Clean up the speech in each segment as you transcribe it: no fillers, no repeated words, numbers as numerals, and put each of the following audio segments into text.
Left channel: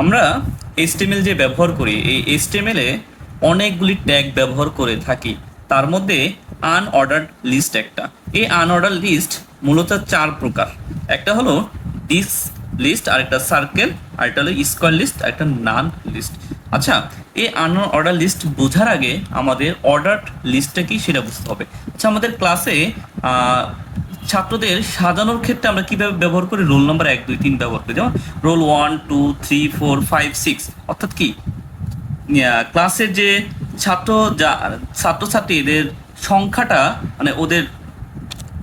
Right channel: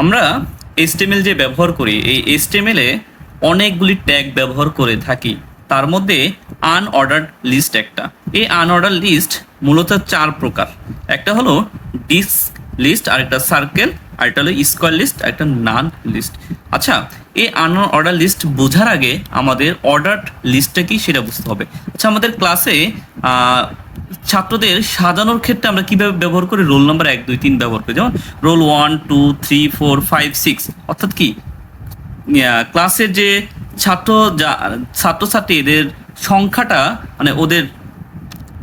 আমরা HTML যে ব্যবহার করি, এই HTML এ অনেকগুলি ট্যাগ ব্যবহার করে থাকি। তার মধ্যে আনঅর্ডার্ড লিস্ট একটা। এই আনঅর্ডার লিস্ট মূলত চার প্রকার। একটা হলো ডিস্ক লিস্ট, আরেকটা সার্কেল, আরেকটা হলো স্কোয়ার লিস্ট, একটা নান লিস্ট। আচ্ছা, এই আনঅর্ডার লিস্ট বোঝার আগে আমাদের অর্ডার্ড লিস্টটা কি সেটা বুঝতে হবে। আচ্ছা, আমাদের ক্লাসে ছাত্রদের সাজানোর ক্ষেত্রে আমরা কিভাবে ব্যবহার করি? রোল নাম্বার 1 2 3 ব্যবহার করি। যেমন রোল 1 2 3 4 5 6, অর্থাৎ কি ক্লাসের যে ছাত্র ছাত্রছাত্রী এদের সংখ্যাটা, মানে ওদের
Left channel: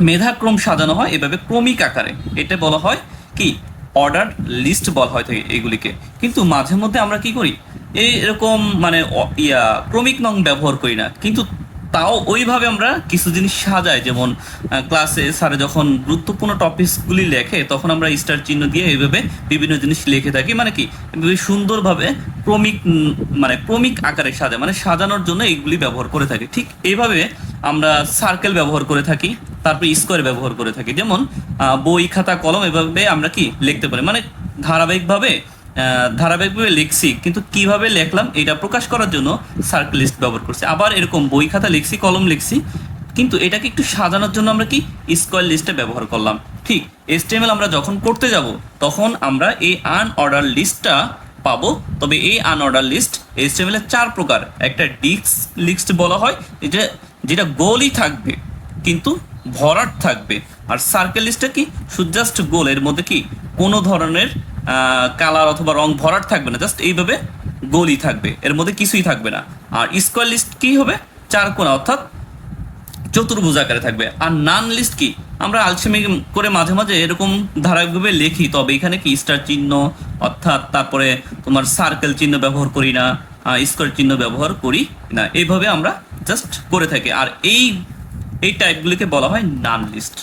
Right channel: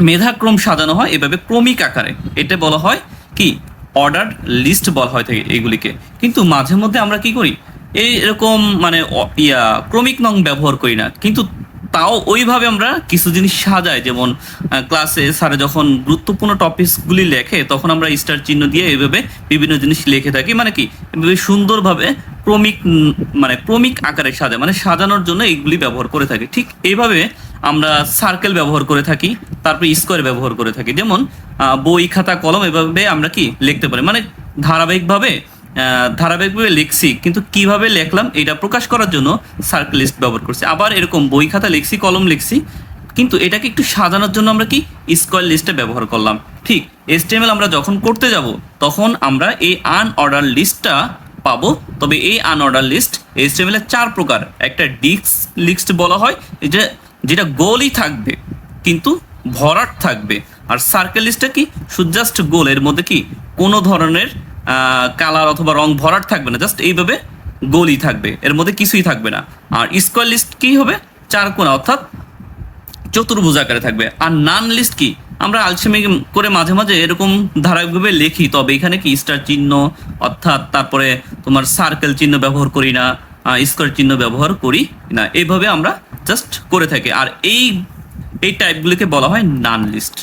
মেধাক্রম সাজানো হয় এভাবে ক্রমিক আকারে। এটা বলা হয় কি অর্ডার লিস্ট বলা হয় থাকে এগুলিকে। কিন্তু মাঝে মধ্যে আমরা কি করি, এরকম মানে ক্রমিক নং ব্যবহার করি না, কিন্তু তাও ওইভাবে আমরা কিছু জিনিস সাজাই। যেমন ক্লাসে স্যারে যখন গুরুত্বপূর্ণ টপিকসগুলি লেখে তখন আমরা স্টার চিহ্ন দিয়ে এইভাবে বিভিন্ন জিনিস লিখে থাকি, মানে কি এভাবে সুন্দরভাবে ক্রমিক মানে ক্রমিক আকারে সাজায়, মানে সাজানোর জন্য এইগুলি ব্যবহার করে থাকি। ঠিক এইভাবে আমরা সার্কেল ব্যবহার করে থাকি, তারপরে স্কোয়ার ব্যবহার করে থাকি। যেমন বই খাতা কলম এভাবে আমরা কি লিখতে পারি, মানে ধারাবাহিকভাবে ধারাবাহিকভাবে লিখছি, কিন্তু কিভাবে লিখলাম এটা প্রকাশ করার জন্য সার্কেল লিস্ট ব্যবহার করছি। আবার এরকম বই খাতা লিখছি, কলম লিখছি, কিন্তু এটাকে একটু সাজানোর জন্য আমরা কি স্কোয়ার লিস্টে ব্যবহার করলাম। ঠিক HTML আমরা যখন করতে যাব তখন আমরা এই আনঅর্ডার লিস্টটা পাবো। তবে এই আনঅর্ডার লিস্ট HTML এর চার প্রকার। একটা ডিস্ক লিস্ট বলা হয়, এটা যেটা গোলই থাকবে কিন্তু ভরাট থাকবে। আর সার্কেল লিস্টটা কি জাস্ট গোল, এর মধ্যে কি কোনো ধরনের কালার অথবা রং ভরাট থাকবে না, জাস্ট এইভাবে গোলই থাকবে, এর মধ্যে কিছুই থাকবে না। আর স্কোয়ার লিস্ট কি হবে, চার কোণা অর্থাৎ চতুর্ভুজ আকারে থাকবে। আর নান লিস্ট কি, আমরা আলসেমি করে মাঝে মাঝে এরকম ধারাবাহিকভাবে লিখি, তবে এখানে কি স্টার চিহ্ন অর্থাৎ তারপরে তোমার সার্কেল চিহ্ন ব্যবহার করি না, স্কোয়ার চিহ্ন ব্যবহার করি না, এইভাবে আমরা জাস্ট করে থাকি। আর এই টাইপগুলিকে বলা হয় নান লিস্ট।